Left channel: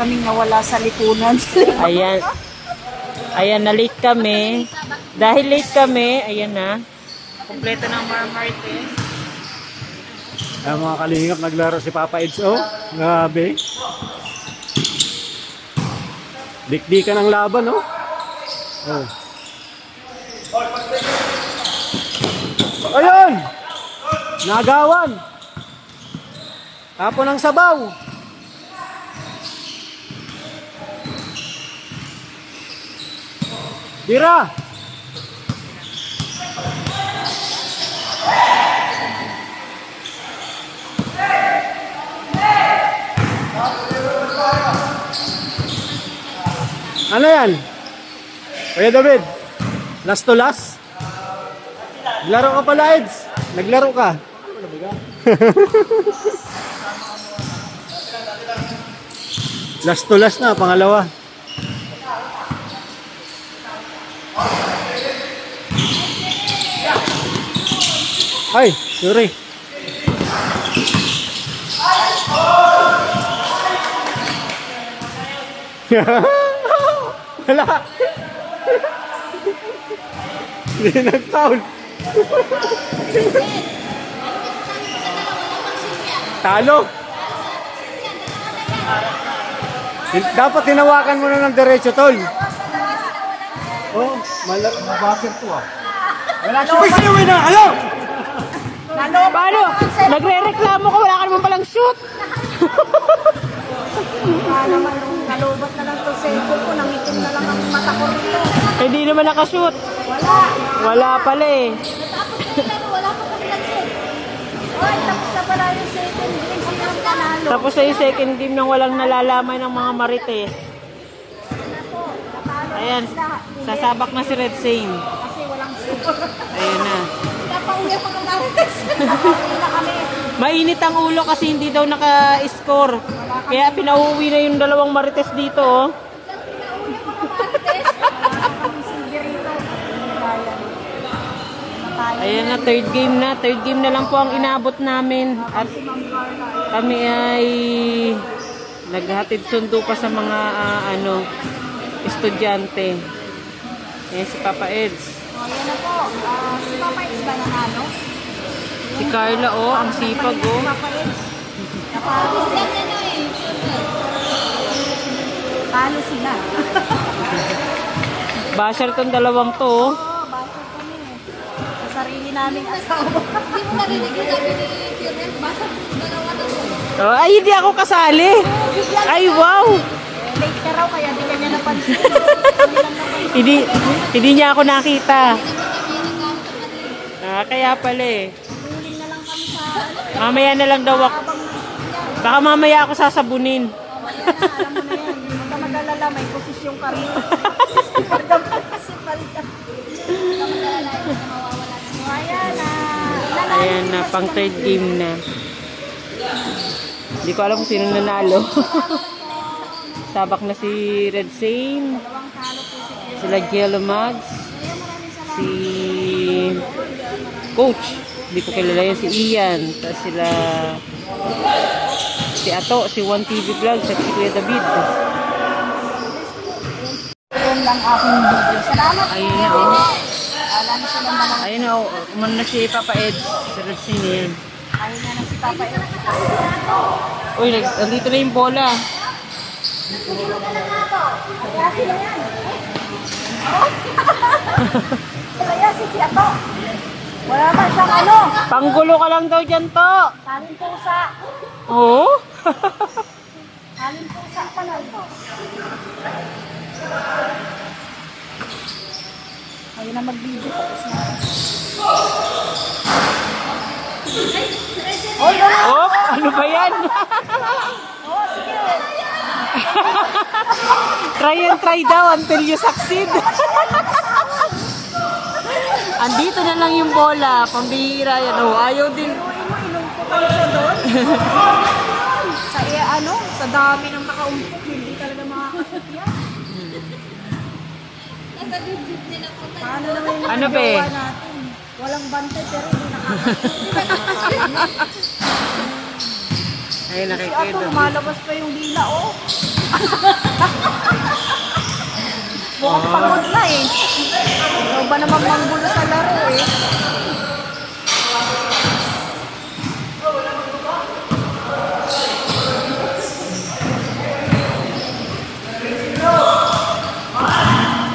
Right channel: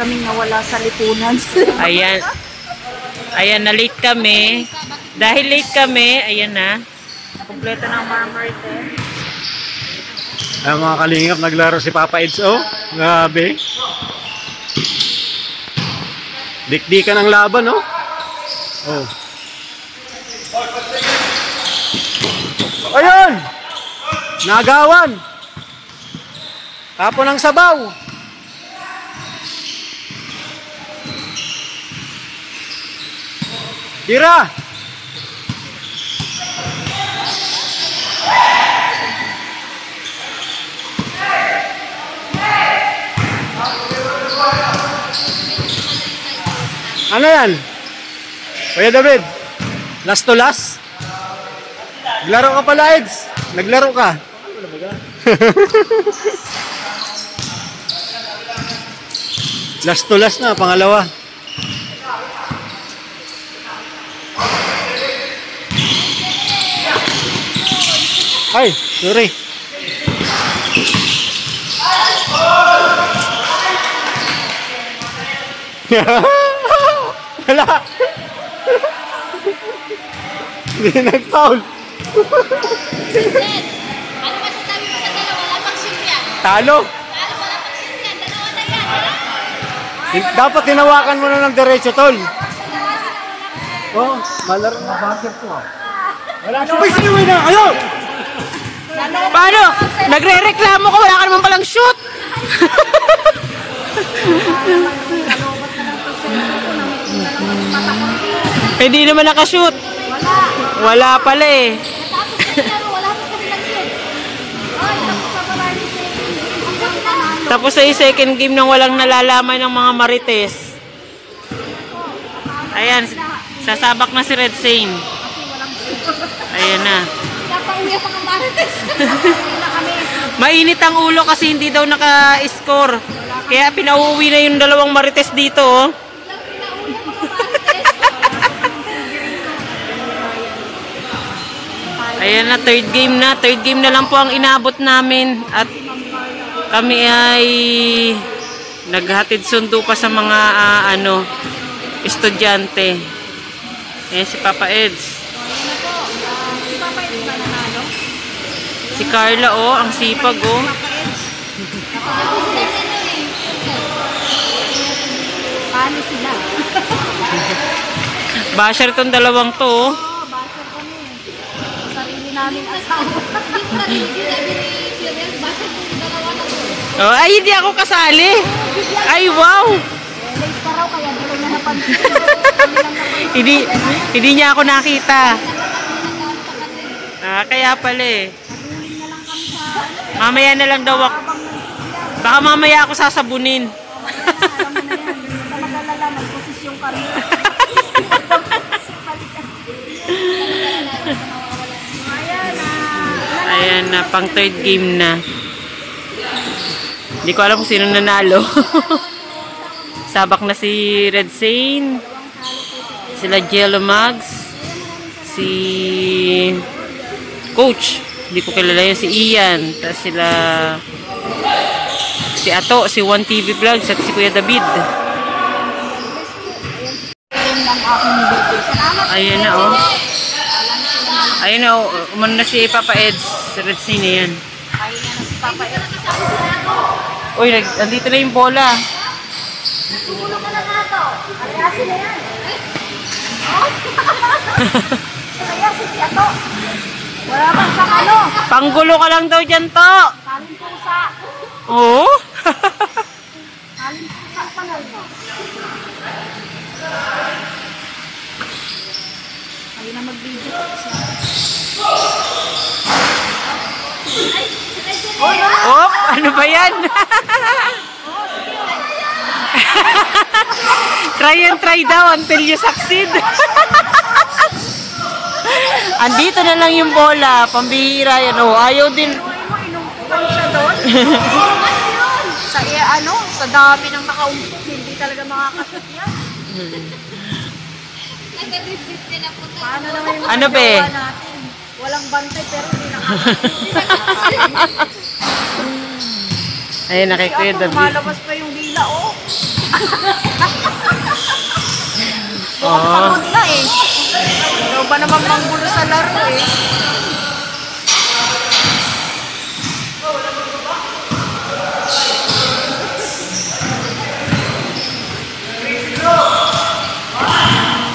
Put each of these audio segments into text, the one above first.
kaming nawala sa lipunan. Ayan. Ayan, na-late kami. Dahil late kami, ayan na. Kompleto ng Marites. Ay, mga kalingap, naglaro si Papa Eds. Oh, grabe. Dikdikan ang laban, oh. Oh. Ayun! Nagawan! Tapon ng sabaw! Tira! Ano yan? Kuya David, last to last? Naglaro ka pala, Eds. Naglaro ka. Last to last na, pangalawa. Ay, sorry. Wala. Hindi nag-foul. Talo. Dapat tinawakan mo na ng diretso, tol. Oh, malaro na bakit to ah. Wala siya. Uy, na kayo. Paano? Nagre-reklamo ko, wala ka naman palang shoot. Hindi naman nakashoot. Wala pala eh. Tapos ay second game nang walang nalalaman ng mga Marites. Ayan, sasabak na si Red Saint. Ayan na. Mainit ang ulo kasi hindi daw naka-score. Kaya pinauwi na yung dalawang Marites dito. Oh. Ayan na, third game na. Third game na lang po ang inabot namin. At kami ay naghatid sundo pa sa mga estudyante. Ayan si Papa Eds. Si Carla, oh, ang sipag, oh. Basher tong dalawang to, oh. Oh, ay, hindi ako kasali. Ay, wow. Late ka raw, kaya hindi niya napansin. Hindi niya ako nakita. Kaya pala eh. Mamaya na lang daw ako. Baka mamaya ako sasabunin. May posisyon ka rin. Ayan na, pang third game na. Hindi ko alam kung sino nanalo. Sabak na si Red Saint, sila Jello Mags, si Coach, hindi ko kilala yun, si Ian, tapos sila si Ato, si One TV Vlogs at si Kuya David. Ayan na, oh. Ayan na, oh. Umano na si Papa Eds, si Red Saint na yan. Ayun na si Papa Eds. Uy, nandito na yung bola. Tutulog ka na nga to. Ayasin na yan. Ayasin si Ato. Wala ba siyang ano? Panggulo ka lang daw dyan to. Kanin pusa. Oo? Kanin pusa pa lang to. Ayun na mag-video. Op, ano ba yan? Try and try daw until you succeed. Andito na lang yung bola, pambihira yan. Oh, ayaw din. Inungkutan siya doon. Sa dami ng nakaumpok, hindi talaga makakashoot yan. Paano naman yung ano be? Natin? Walang bantay pero hindi nakakashoot. Ayun, Si nakikuya Ato, David. lumalabas pa yung dila, oh. Mukhang pagod na eh. Ikaw ba naman manggulo sa laro eh?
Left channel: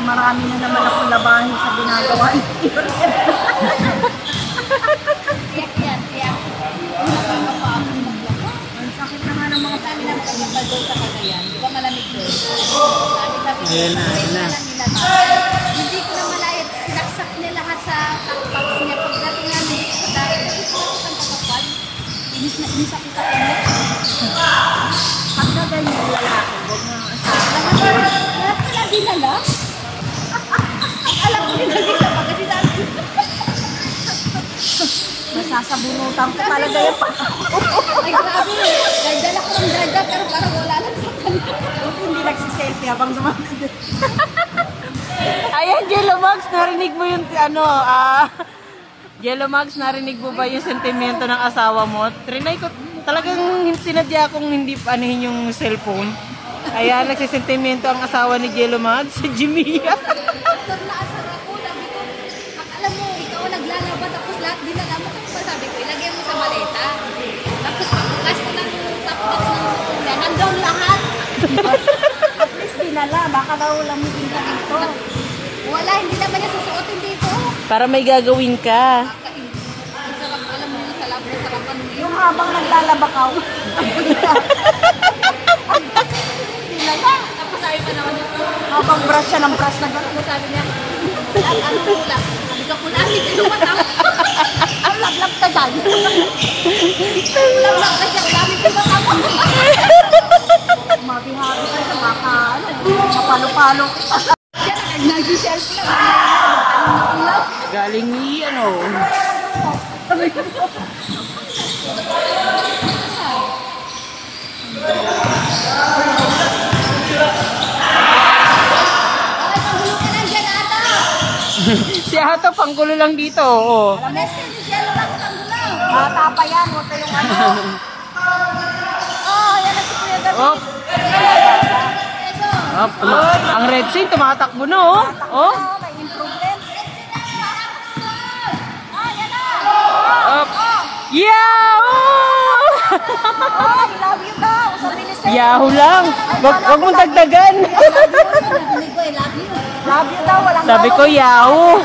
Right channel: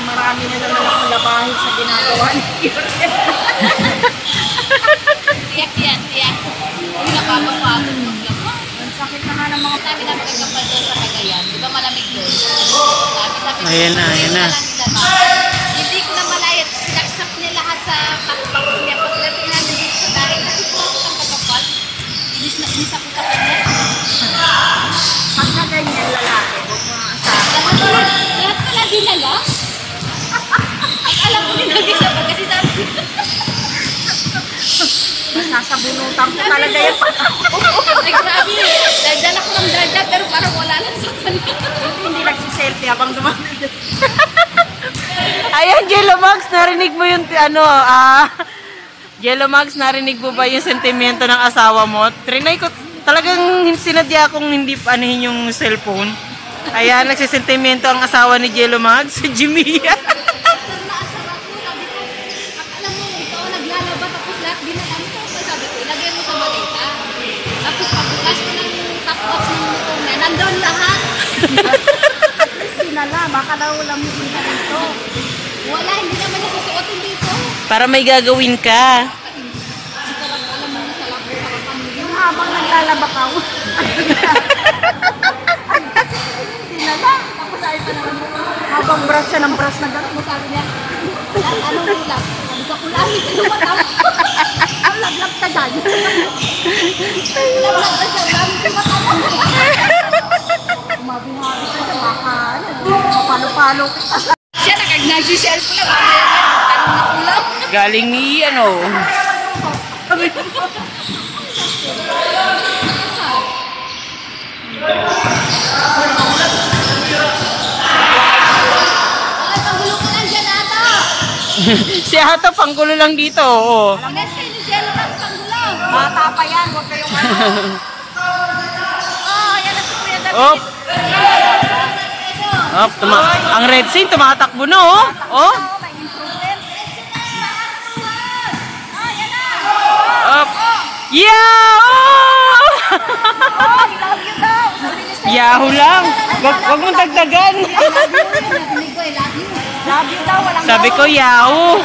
Marami na naman akong labahin sa ginagawa niyo. Tiyak. Hindi napapapagod maglaba. Ang sakit na nga ng mga Sabi na magkakapal doon sa Cagayan. Di ba malamig doon? Sabi Ayan na, ayan na. Hindi ko na malayat. Sinaksak niya lahat sa pakpak niya. Pagdating namin dito sa bahay, kasi po ako sa pagkapal. Inis na inis ako sa kanya. pagka ganyan lalaki, huwag mo nga asahan. Lahat pala dinala. Ay, alam ko dinala siya pag kasi sabi ko. Masasabunutan ko talaga yan pag ako. Ay, grabe. Dala ko ng ganda pero parang wala lang sa kanya. Hindi nagsiselfie habang dumating. Ayan, Jello Max, narinig mo yung Jello Max, narinig mo ba yung sentimento ng asawa mo? Trinay ko, talagang sinadya kong hindi anuhin yung cellphone. Kaya nagsisentimento ang asawa ni Jello Max, si Jimmy. Asar na asar ako. Sabi ko, alam mo, ikaw naglalaba tapos lahat binala mo. Kasi sabi ko, ilagay mo sa maleta. Tapos pagkas ko ng top box ng motor niya, nandun lahat. At least dinala, baka daw lamutin ka dito. Wala, hindi naman niya susuotin dito. Para may gagawin ka. Sarap, alam mo, sarap na sarapan mo yun. Yung habang naglalaba ka, dinala. Tapos sabi pa naman ako, Habang brush siya ng brush na gano'n. sabi niya, lahat anong kulap? Sabi ko, kulamit ka matama. Ang lablab ka dyan. Lablab ka siya, kulamit ka matama. Mabihabi ka siya, baka mapalo-palo. Siya, nag-nag-shelf lang. Magtanong na kulap. Galing ni, Ay, pagulo ka lang dyan, ata. si Ato, panggulo lang dito, oo. Ames kayo ni Jello lang, pagulo. Bata pa yan, huwag kayong ano. Oh, yan na si Kuya David. Oh, oh ang Red Sea, tumatakbo na, oh. Oh. Up. Yeah! Oh! Yahoo lang. Wag mong dagdagan. Narinig ko, I love you. Sabi ko, yahoo.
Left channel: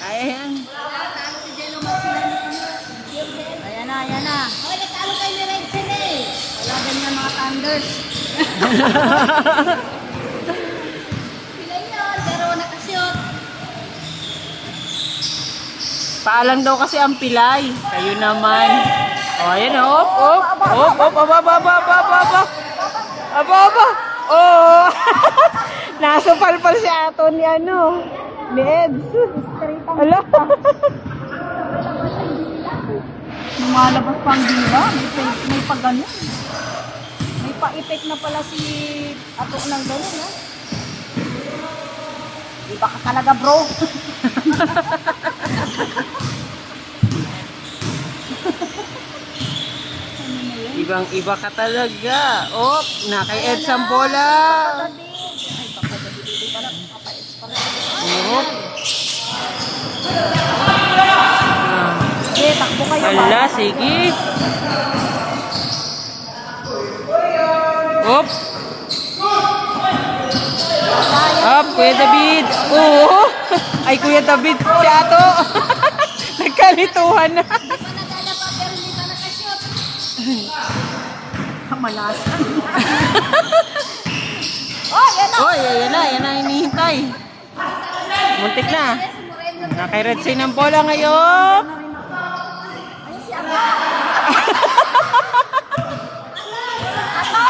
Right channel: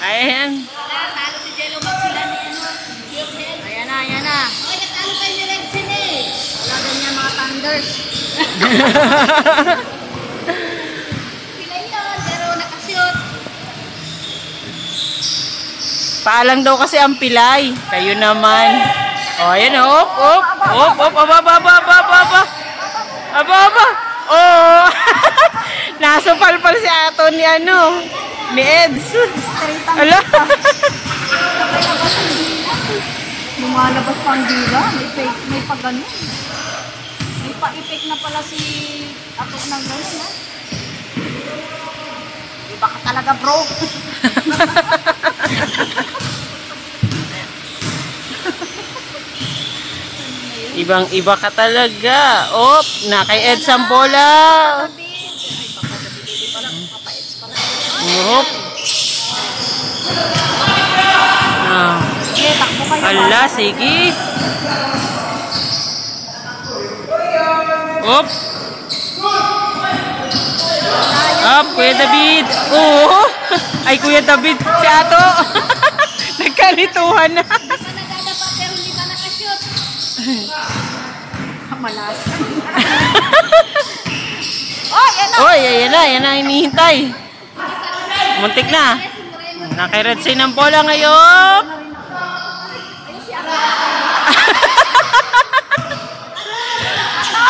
Ayan. Talo si Jello Max sila ni ano, Jetsen. Ayan na, ayan na. Oy, natalo kayo ni Redsen eh. Wala ganyan mga thunders. Sila yun, pero nakashoot. Paalang daw kasi ang pilay. Kayo naman. O, ayan, op. Aba. Oh. Nasupalpal si Ato ni ni Eds. Ala. Lumalabas pang dila. May pag ano. May pa-effect na pala si Ato ng gano'n, no? Iba ka talaga, bro. Ibang-iba ka talaga. Op, na kay Eds ang bola. Op. Sige, takbo kayo. Ala, sige. Op. Up, Kuya David. Oo. Ay, Kuya David. Si Ato. Nagkalituhan na. Hindi ka nadadapa pero hindi ka nakashoot. Malasan. Oh, yan na. Oy, ayan na hinihintay. Muntik na. Naka-red sign ng bola ngayon.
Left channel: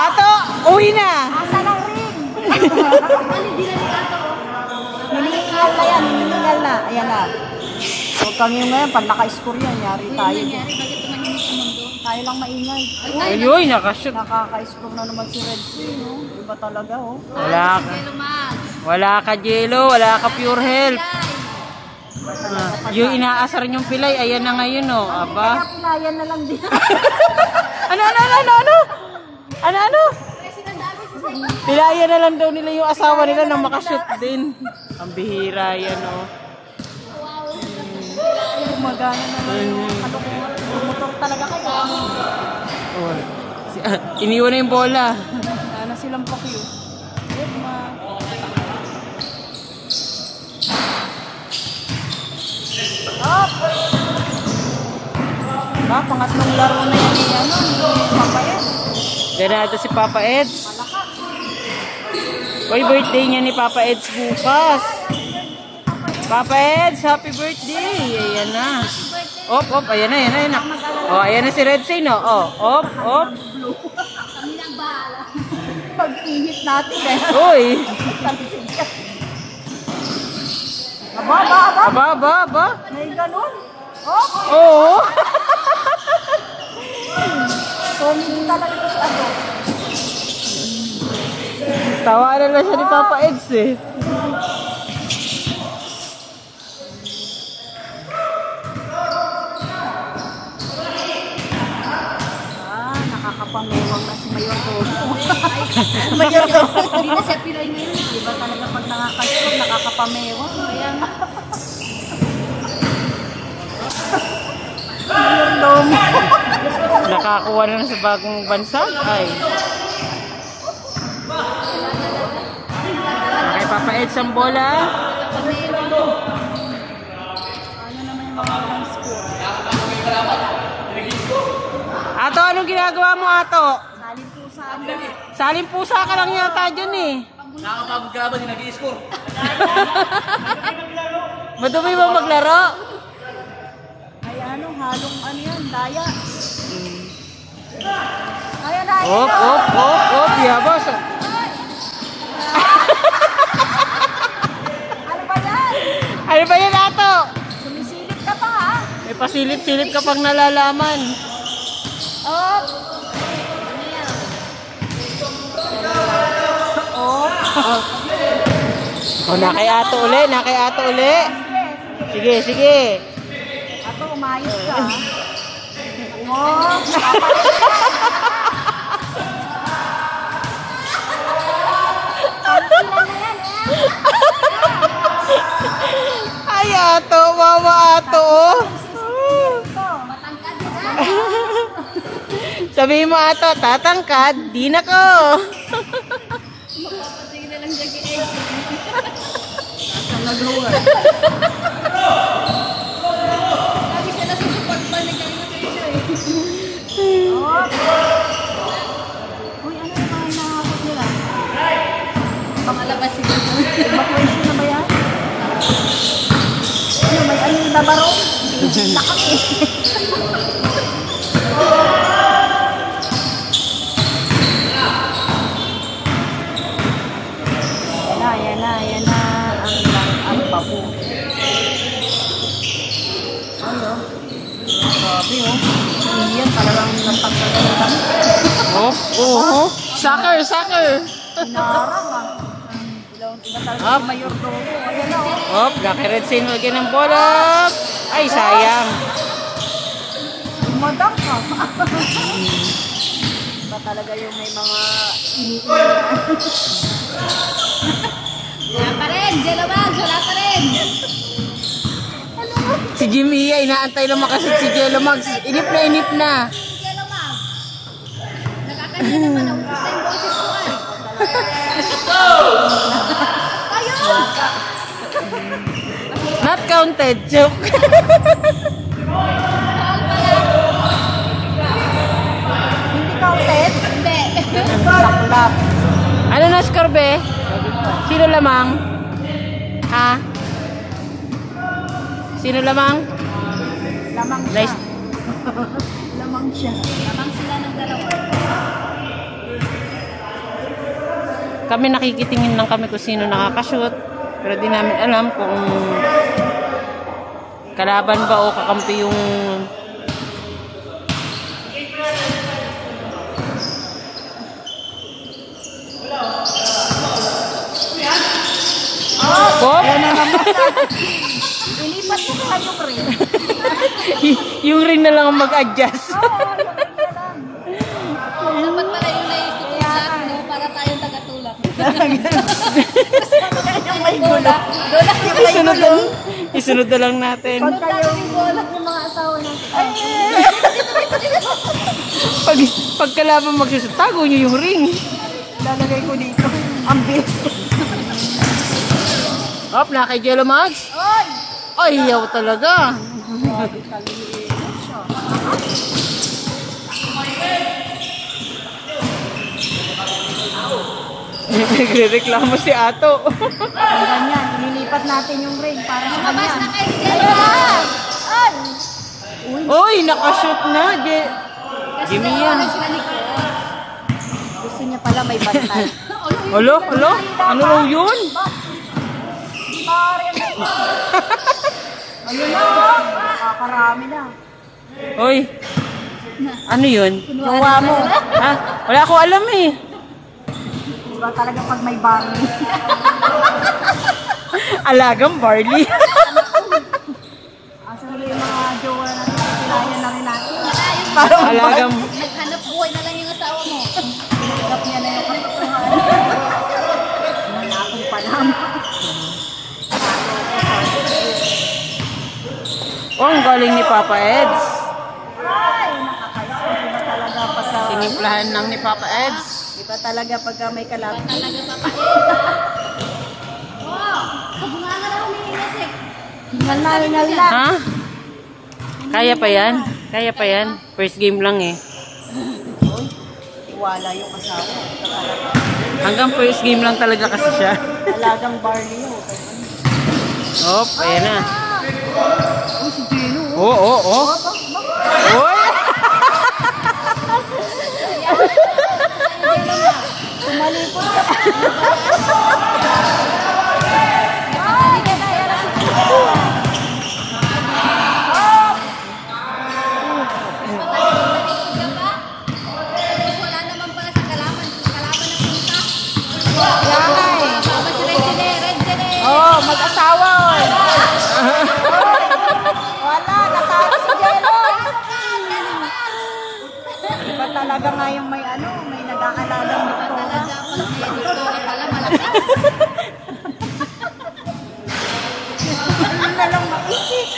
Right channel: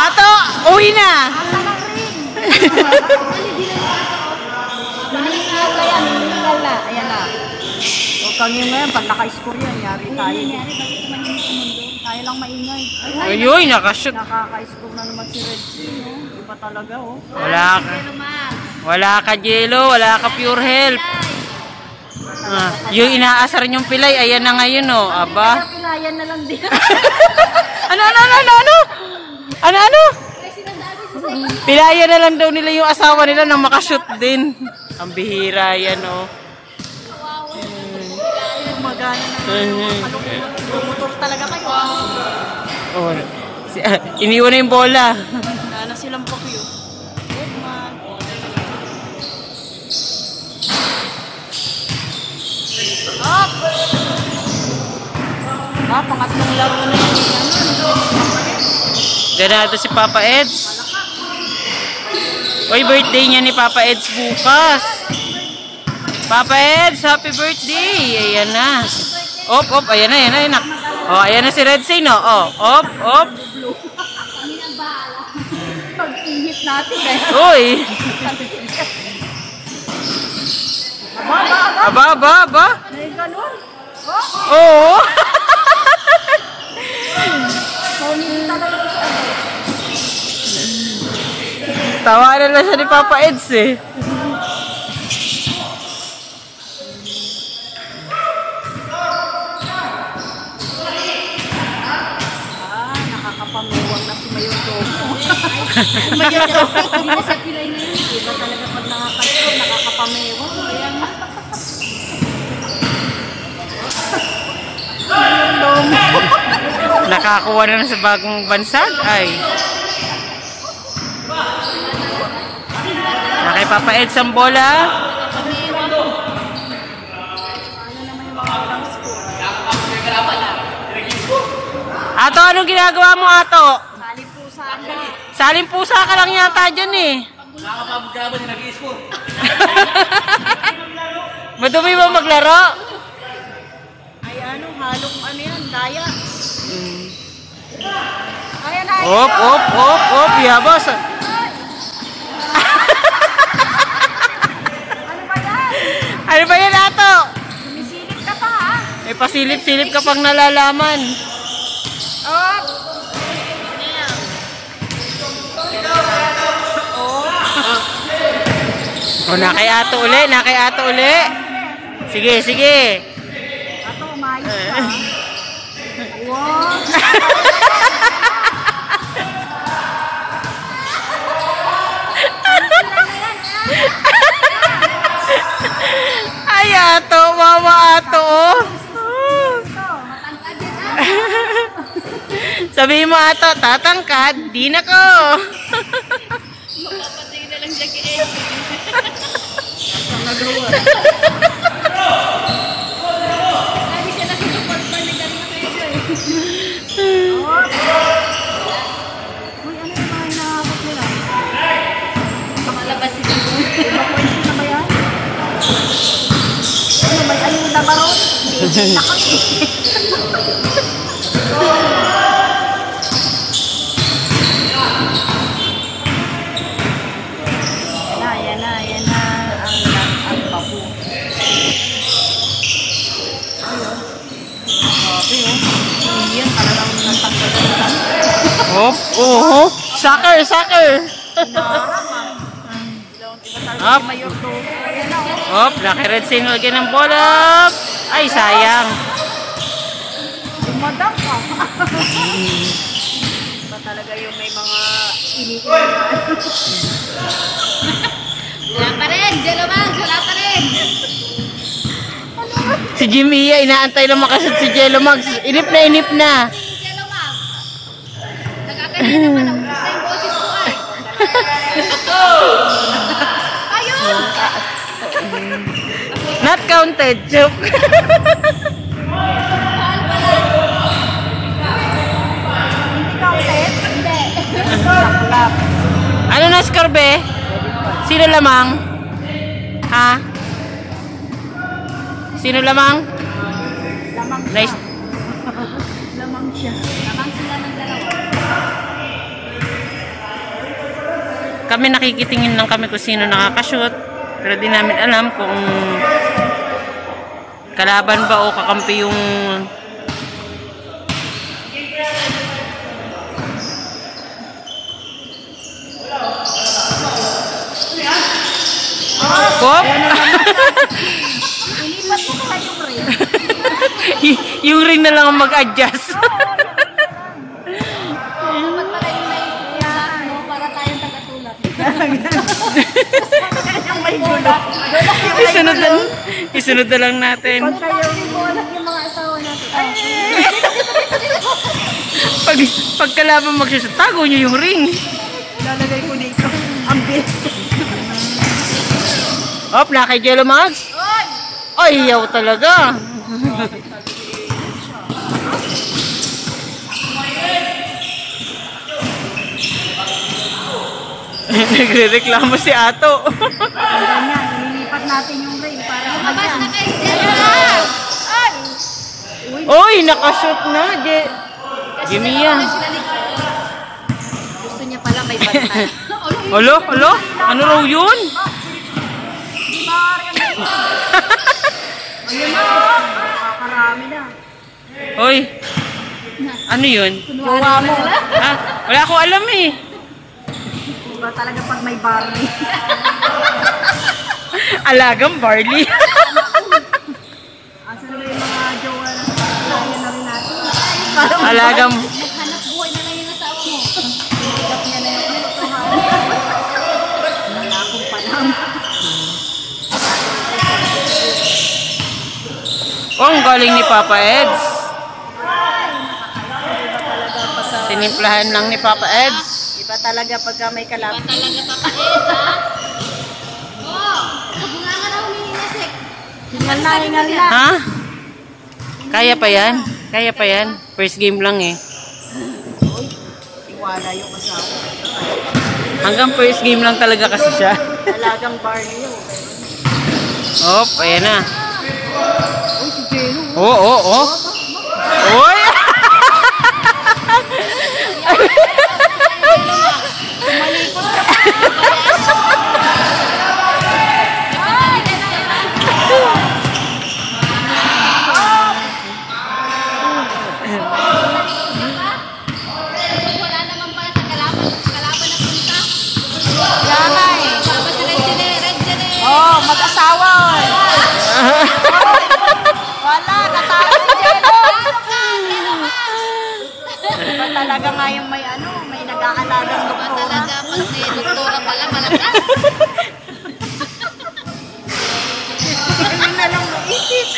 Ato, uwi na. Ninihingal na yan, ninihingal na. Ayan na. Huwag kang yun ngayon, pag naka-score yan, yari tayo. Nangyari, bakit tumahimik sa mundo? Tayo lang maingay. Ayoy, nakashoot. Nakaka-score na naman si Red Sea, no? Iba talaga, oh. Wala ka. Jello Max. Wala ka, Jello. Wala ka, pure health. Yung inaasar niyong pilay, ayan na ngayon, oh. Aba. Pilayan na lang din. Ano? Pilaya na lang daw nila yung asawa nila nang makashoot din. Ang bihira yan, oh. Gumagana naman. Promotor talaga kayo. Oh. Iniwan na yung bola. Wala na silang pakyo. Up! Pangas ng laro na yan. Ganado si Papa Eds. Uy, birthday niya ni Papa Eds bukas. Papa Eds, happy birthday. Ayan na. Op, ayan na. Oh, ayan na si Red Say, no? Oh, op. Pag-ihit natin Uy. Aba. May ganun. Oo. Tawanan na siya ni Papa Eds eh. Nakakapangawang na si Mayor Gogo. Hindi na sa pilay na yun. Iba talaga pag nakakapamewang. Kaya nga. Nakakuha na sa bagong bansag. Ay. Nakay Papa Eds ang bola. Ato, anong ginagawa mo, Ato? Saling pusa ka lang yata dyan eh. Nakakapagod ka ba? Nag-i-score. Madumi mo maglaro? Ay halong yan, daya. Ayan na. Op, yabos. Ano ba yan, Ato? Sumisilip ka pa ha. May pasilip-silip ka pang nalalaman. Op! O, nakay Ato uli. Sige. Ato, umayos ka. Wow! Ay, Ato, mama Ato. Sabihin mo, Ato, tatangkad, di na ko. Makapatay na lang siya kay Ed. Ang nagawa. Lagi siya nasusupport na ni Karin Pedro eh. Uy, ano yung hinahakot nila? Makalabas sila. May ano yung dabaro? Nakot eh. Ayan na. Soccer. Up. Naki-red signal again ng bola. Ay, sayang. Madam ka. Ba talaga yung may mga iniiwan. Wala pa rin. Jelomag, wala pa rin. Si Jimmy, inaantay na makasot si Jello Mags. Inip na. Jelomag. Nagkakahina pa na. Ubus na yung boses ko ay. Ayun! Not counted. Joke. Hindi. Ano na score, be? Sino lamang? Ha? Sino lamang? Nice. Lamang siya. Lamang sila ng dalawa. Kami nakikitingin lang kami kung sino nakakashoot. Pero di namin alam kung kalaban ba o kakampi yung Pop! Inipat ring. Yung ring na lang ang mag-adjust. Dapat pala yung naisip ko lahat, no? Para tayong tagatulak. Isunod na lang natin. Bulak yung mga asawa natin. Pagkalaban magsusot, tago nyo yung ring. Lalagay ko dito. Ang best. Hop, na kay Jello Mags. Ay, yaw talaga. Nagre-reklamo si Ato. Ganyan, inilipat natin yung ring para Mabas na ganyan. kayo, Jello! Uy, nakashoot na. Jimmy yan. Gusto niya pala may bantay. Alo? Ano raw yun? Ayun na. Nakakarami na. Hoy. Ano yun? Jowa mo. Ah, wala ko alam eh. Diba talaga pag may barley? Alagang barley. Ang sarili yung mga jowa na kaya na rin natin. Alagang... Naghanap buhay na lang yung asawa mo. Pinagap niya na yung akong panang. Oh, ang galing ni Papa Eds. Tinimplahan lang ni Papa Eds. Iba talaga pagka may kalapit. Talaga papait, ha? Oh, kabunga raw ni Inesek. Hingal na. Ha? Kaya pa yan? Kaya pa yan? First game lang eh. Wala yung asawa. Hanggang first game lang talaga kasi siya. Talagang barley yun. Hop, ayan na. Oh. Uy! Tumalikod ka pa. Wala naman pala sa kalaban na punta. Wala eh. Tapos red jene. Oh, mag-asawa. Wala, natalo si Jello. Iba talaga nga yung may may nag-aalagang doktora. Talaga, pag may doktora pala, malakas. Ano na lang maisip.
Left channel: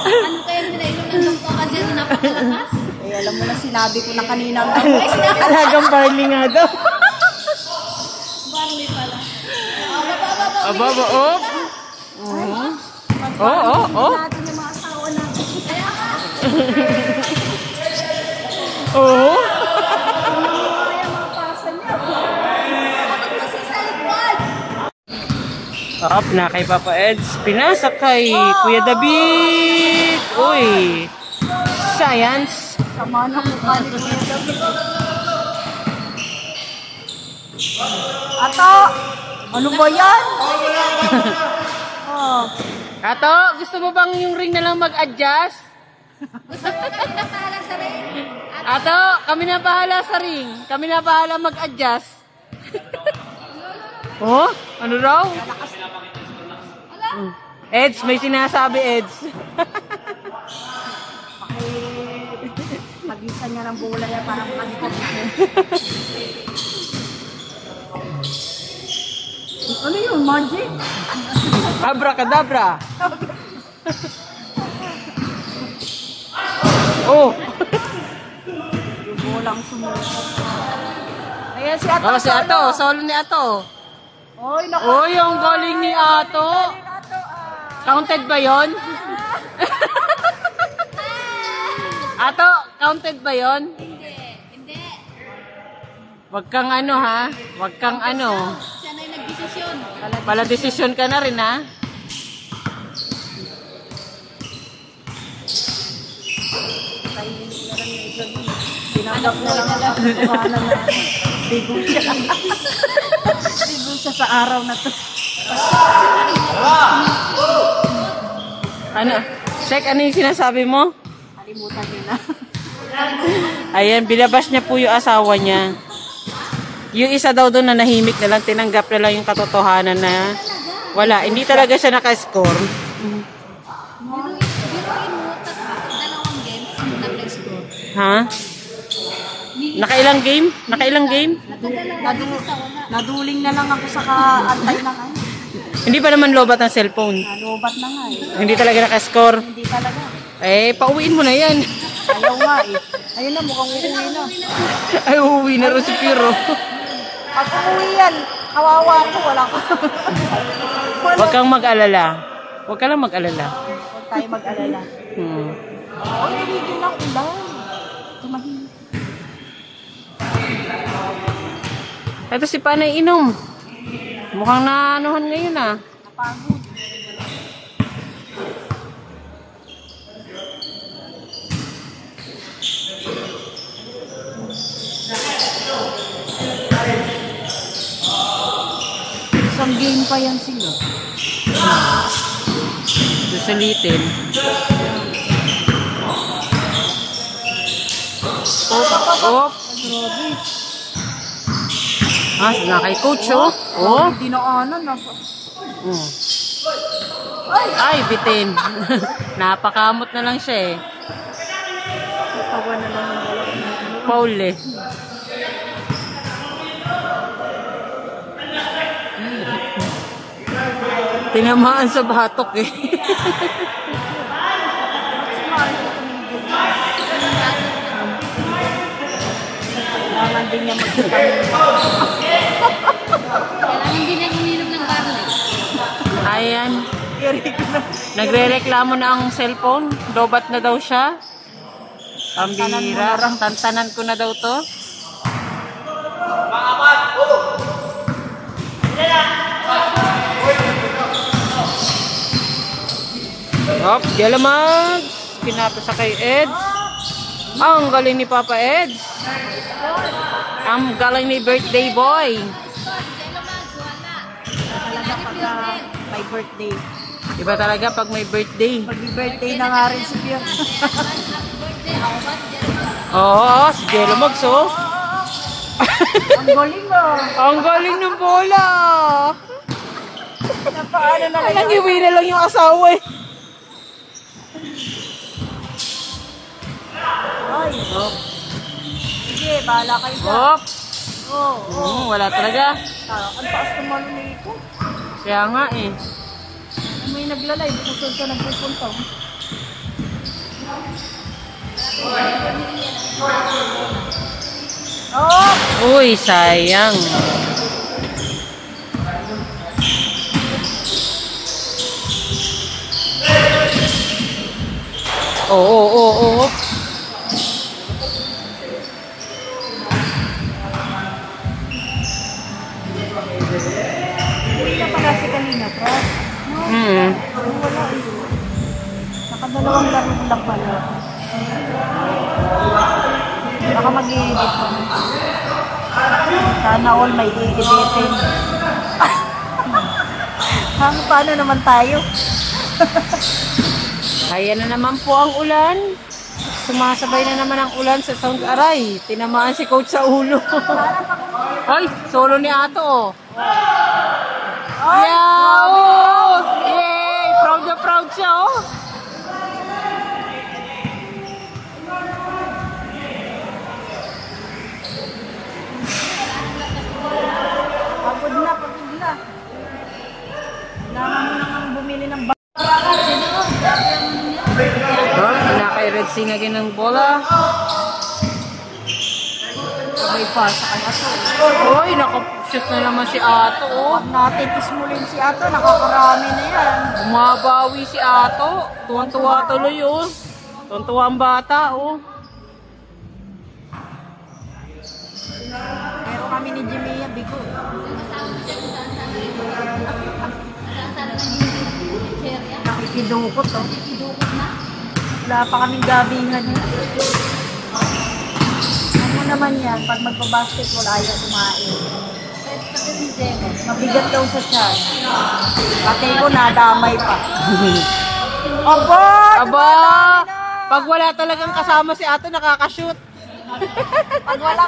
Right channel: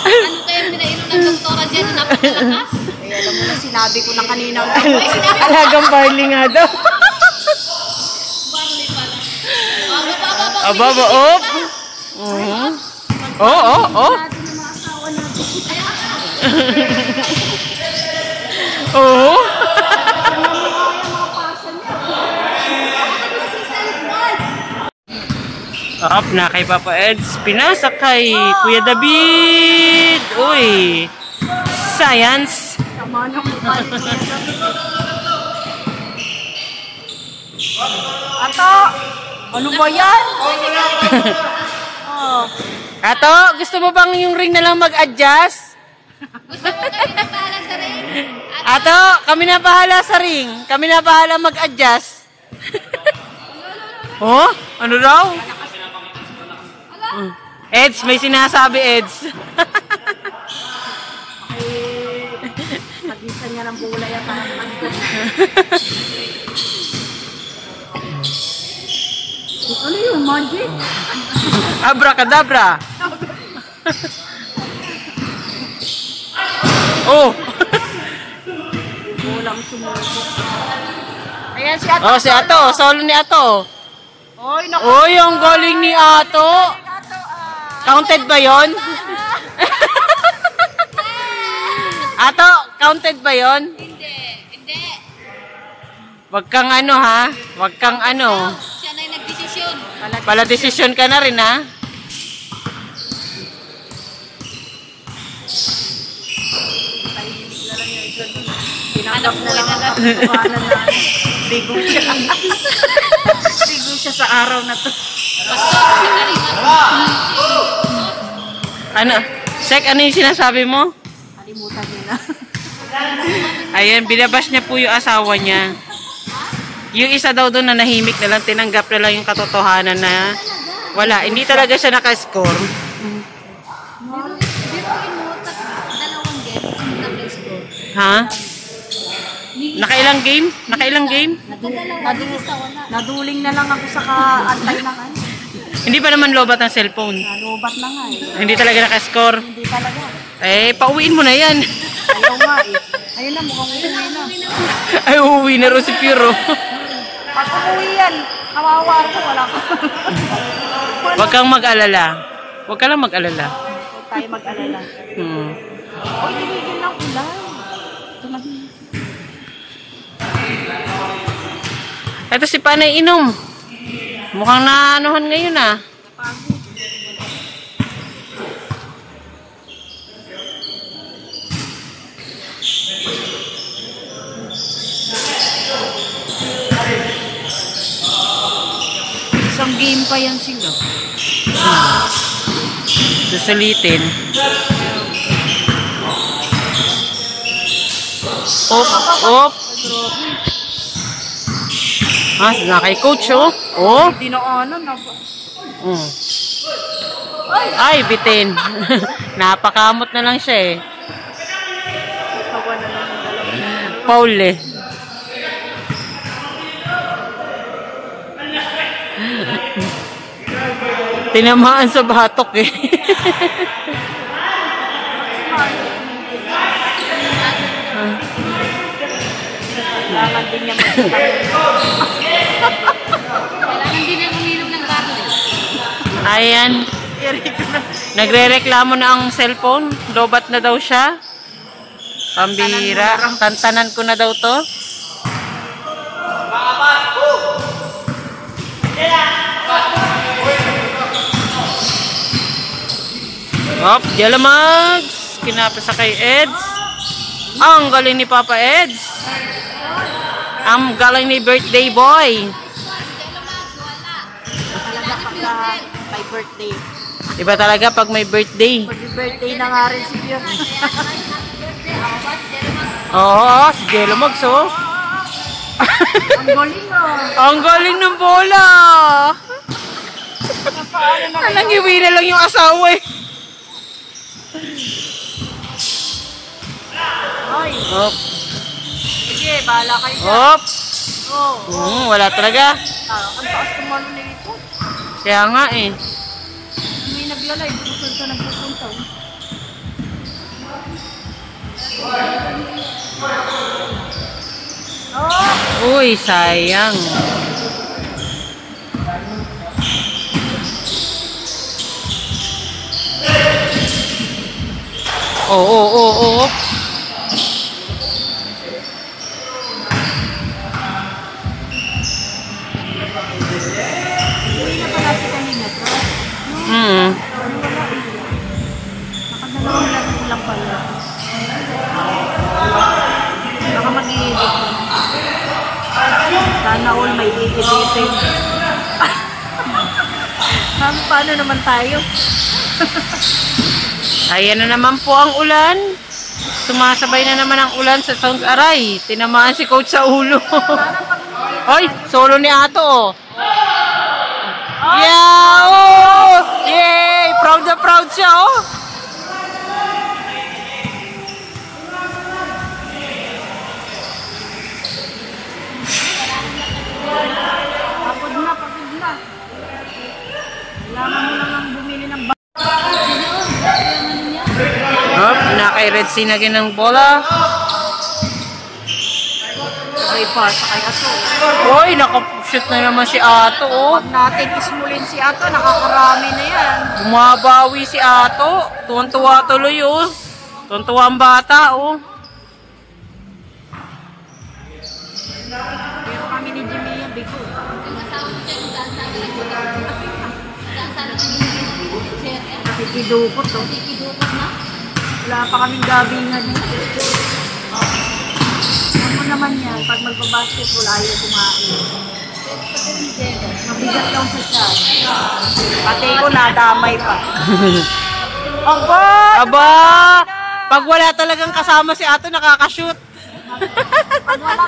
Ano kaya pinainom ng doktora dyan na napakalakas? Eh, alam mo na sinabi ko na kanina. Alagang barley nga daw. Barley pala. Baba. Ababa, op. Oh. Oh. Up na kay Papa Eds. Pinasa kay Kuya David. Uy. Science. Ato, ano ba yan? Oh. Ato, gusto mo bang yung ring na lang mag-adjust? Gusto mo kami na parang sa rin? Ato, kami na bahala sa ring. Kami na bahala mag-adjust. Oh? Ano raw? Eds, may sinasabi, Eds. Nagisan niya ng bulay at ano yung magic? Abracadabra. Oh. Ayan si Ato. Oh, si Ato. Solo ni Ato. Oy, naku. Oy, ang galing ni Ato. Counted ba yon? Ato, counted ba yon? Hindi. Wag kang ano ha? Wag kang ano. Siya na yung nagdesisyon. Pala desisyon ka na rin ha? Tinanggap na lang ang katotohanan na bigo siya. Bigo siya sa araw na to. Ano? Sek, ano yung sinasabi mo? Kalimutan niya na. Ayan, binabas niya po yung asawa niya. Yung isa daw doon na nahimik na lang, tinanggap na lang yung katotohanan na wala. Hindi talaga siya nakascore. Ha? Nakailang game? Nakailang game? Naduling na lang ako sa kaantay ng ano. Hindi pa naman lobat ang cellphone. Nalubat na nga eh. Hindi talaga nakascore. Hindi talaga. Eh, pauwiin mo na yan. Ayaw nga eh. Ayun na, mukhang uwi na. Ay, uuwi na rin si Piero. Pag-uwi yan, kawawa ako. Wala ko. Huwag kang mag-alala. Huwag ka lang mag-alala. Huwag tayo mag-alala. Hindi na ulan. Ito si Panay inom. Mukhang naanuhan ngayon ah. Isang game pa yan sila. Susulitin. Op. Ah, na kay coach oh. Oh. Dinaanan na. Ay, bitin. Napakamot na lang siya eh. Tawa na lang yung dalawa. Paul eh. Tinamaan sa batok eh. Kailangan din niya mag-vitamin. Kailangan din ang uminom ng bago eh. Ayan. Nagre-reklamo na ang cellphone. Lobat na daw siya. Pambira. Tantanan ko na daw to. Hop, Jelamags. Kinapis sa kay Eds. Ang galing ni Papa Eds. Ang galing ni birthday boy. May birthday. Diba talaga pag may birthday? Mag-birthday na nga rin si Pierre. Oo, si Jelamags oh. Ang galing ah. Ang galing ng bola. Nangiwi na lang yung asawa eh. Ay. Hop. Sige, bahala kayo dyan. Hop. Oo. Wala talaga. Ang taas kumalo na ito. Kaya nga eh. May naglalay. Bukod ka nagpupunta. Uy, sayang. Oo. Uwi na pala si kanina to. Nakadalawang lang pala. Baka mag-iibig. Sana all may ibigipin. Paano naman tayo? Ayan na naman po ang ulan. Sumasabay na naman ang ulan sa Sounds Aray. Tinamaan si coach sa ulo. Hoy, solo ni Ato oh. Yeah! Oh! Yay! Proud na proud siya oh. Pagod na. Kailangan mo nang bumili ng Hop, kay Red Sea na ng bola. may pasa kay Ato. Hoy, nakapushoot na naman si Ato oh. Huwag natin ismulin si Ato. Nakakarami na yan. Bumabawi si Ato. Tuwan-tuwa tuloy oh. Tuwan-tuwa ang bata oh. Pero kami ni Jimmy yan, Biko. Nakikidukot oh. Wala pa kaming gabingan eh. Ano naman yan, pag magpa-basketball ayaw kumain. Mabigat daw siya. Pati ko nadamay pa. Aba! Aba! Pag wala talagang kasama si Ato, nakakashoot. Pag wala